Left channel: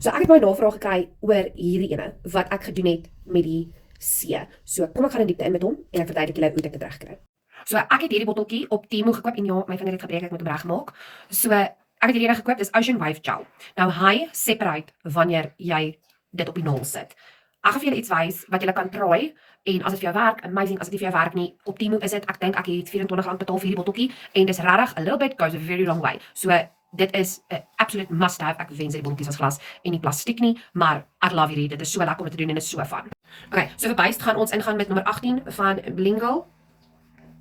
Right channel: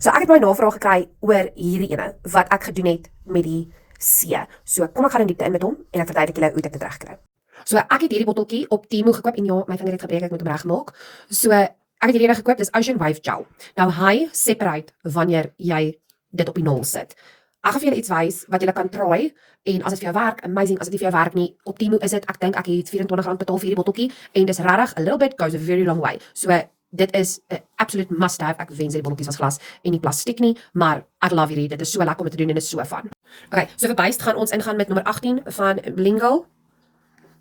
So ek het my navraag gekry oor hierdie ene, wat ek gedoen het met die C. So kom ek gaan in diepte in met hom, en ek verduidelik julle hoe dit regkry. So ek het hierdie botteltjie op Temu gekoop, en ja, my vinger het gebreek, ek moet hom regmaak. So ek het hierdie ene gekoop, dis Ocean Wave Gel. Nou hy separate wanneer jy dit op die nul sit. Ek gaan vir julle iets wys wat julle kan try, en as dit vir jou werk, amazing. As dit nie vir jou werk nie, op Temu is dit, ek dink ek het R24 betaal vir hierdie botteltjie, en dis regtig, a little bit goes a very long way. So dit is 'n absolute must have. Ek wens die botteltjies as glas en nie plastiek nie, maar ek love hierdie. Dit is so lekker om dit te doen en is so fun. Okay, so vir buis gaan ons ingaan met nommer 18 van Blingle.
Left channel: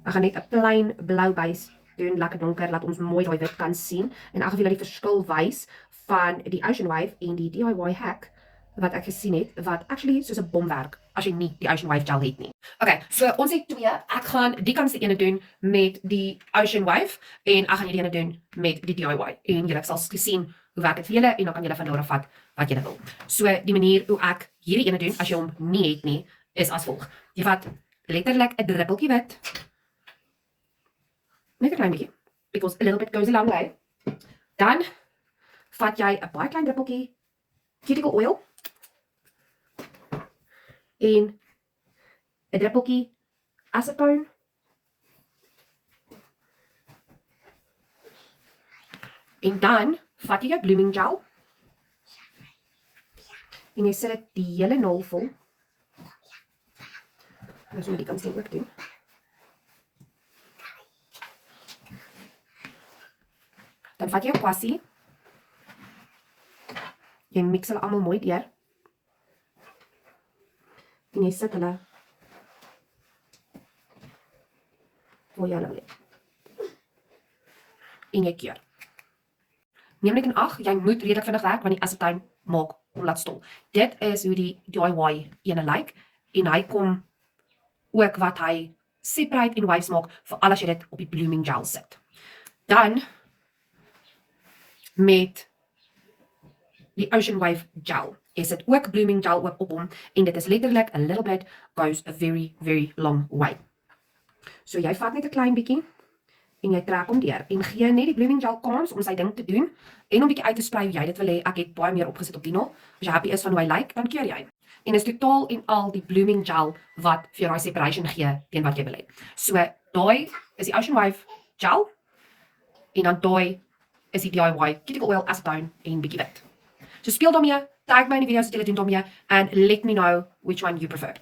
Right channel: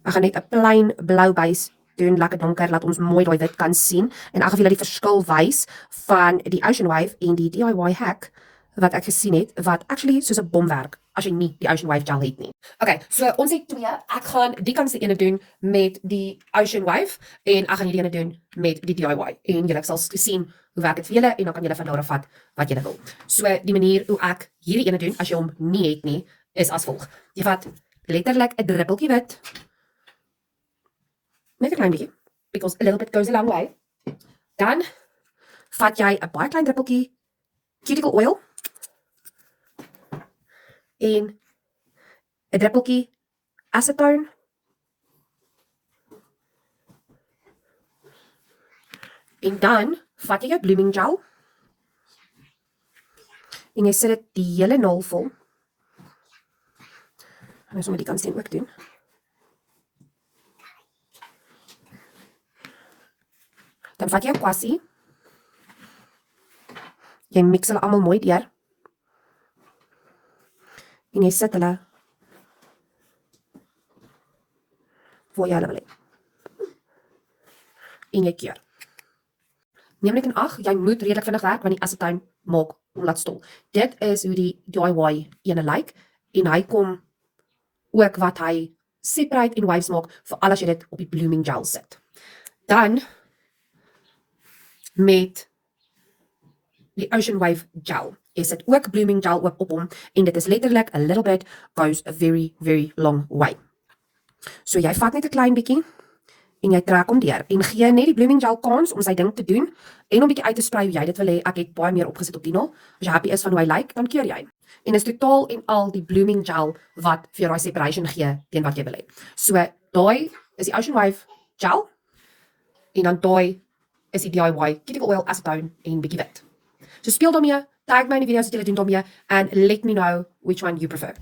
Ek gaan net 'n plain blou buis doen, lekker donker, laat ons mooi daai wit kan sien. En ek gaan vir julle die verskil wys van die Ocean Wave en die DIY hack wat ek gesien het, wat actually soos 'n bom werk as jy nie die Ocean Wave gel het nie. Okay, so ons het twee. Ek gaan die kantste ene doen met die Ocean Wave en ek gaan hierdie ene doen met die DIY. En julle sal sien hoe werk dit vir julle en dan kan julle van daar af vat wat julle wil. So die manier hoe ek hierdie ene doen as jy hom nie het nie, is as volg. Jy vat letterlik 'n druppeltjie wit. Net 'n klein bietjie, because a little bit goes a long way. Dan vat jy 'n baie klein druppeltjie cuticle oil en 'n druppeltjie acetone en dan vat jy jou blooming gel en jy sit dit die hele nul vol. Nou sommer die kant sien ook doen. Dan vat jy 'n kwassie. Jy mix hulle almal mooi deur. En jy sit hulle waar jy hulle wil hê. En jy keur. Neem net in ag, jy moet redelik vinnig werk want die acetone maak hom laat stol. Dit is hoe die DIY ene lyk en hy kom ook wat hy separate en waves maak vir al as jy dit op die blooming gel sit. Dan met die Ocean Wave gel is dit ook blooming gel ook op hom en dit is letterlik a little bit goes a very very long way. So jy vat net 'n klein bietjie en jy trek hom deur en gee net die blooming gel kans om sy ding te doen en om bietjie uit te sprei hoe jy dit wil hê. Ek het baie meer opgesit op die nul. As jy happy is van hoe hy lyk, dan keur jy. En is totaal en al die blooming gel wat vir jou daai separation gee teen wat jy wil hê. So daai is die Ocean Wave gel en dan daai is die DIY cuticle oil, acetone en bietjie wit. So speel daarmee, tag my in die video's wat julle doen daarmee and let me know which one you prefer.